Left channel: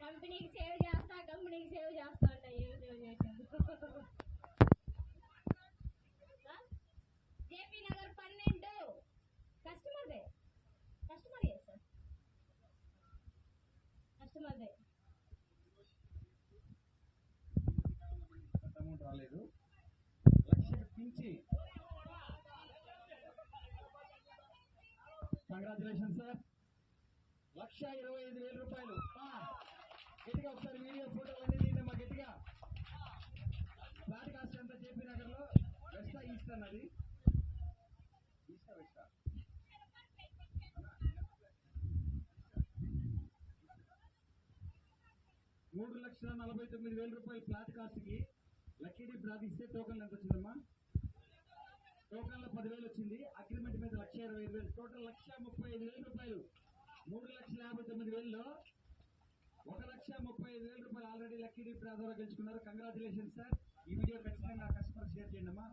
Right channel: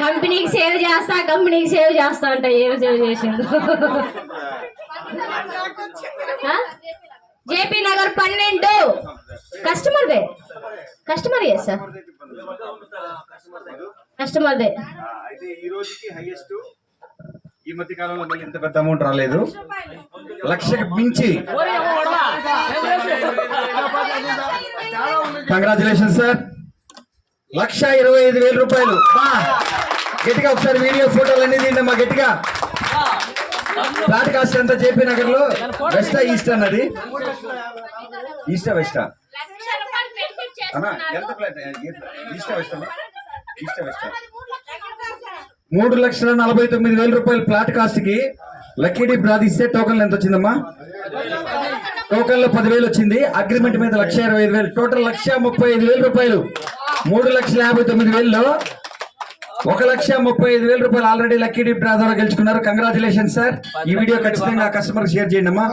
కంపెనీకి సేవ్ చేస్తా అంట. ఏం సేవ్ చేసిండు? జేపీ నగర్ 12 కస్టమర్ సార్, కస్టమర్దే. ఈ రోజుకి హైయెస్ట్. ఈ మధ్య కాలంలో మళ్ళీ ఇంత పెద్ద అమౌంట్ రాలేదు. 1,00,000కి మించి. Congratulation sir. 1,25,000 రూపాయలు. గట్టిగా ఒకసారి వీడియో ఫోటోలు అనేది మా గట్టిగా. ఫ్లాట్ కాస్ట్ ఎంత జేపీ నగర్ లో? వెస్టా ఈస్ట్ అన్నది? ఈస్టా వెస్టా? ఎంత ఫ్లాట్? ఈస్టా వెస్టా? ఈస్టా వెస్టా? 3,49,000 రూపాయలు ఫ్లాట్ కాస్ట్ కి లక్కీ డిప్ రాదిస్తే టోకన్లు ఎంత వచ్చిందమ్మా? టోకన్ లో 10,000 వచ్చింది. అగ్రిమెంట్ మీద 1,25,000. టోటల్ 1,35,000 రూపాయలు. 3,59,000లో 1,35,000 రూపాయలు ఆల్రెడీ లక్కీ డిప్ డ్రా ద్వారా గెలుచుకున్నారు. Congratulation sir. ఈ వీడియో ఖచ్చితంగా కస్టమర్ షేర్ చేయండి అమ్మా.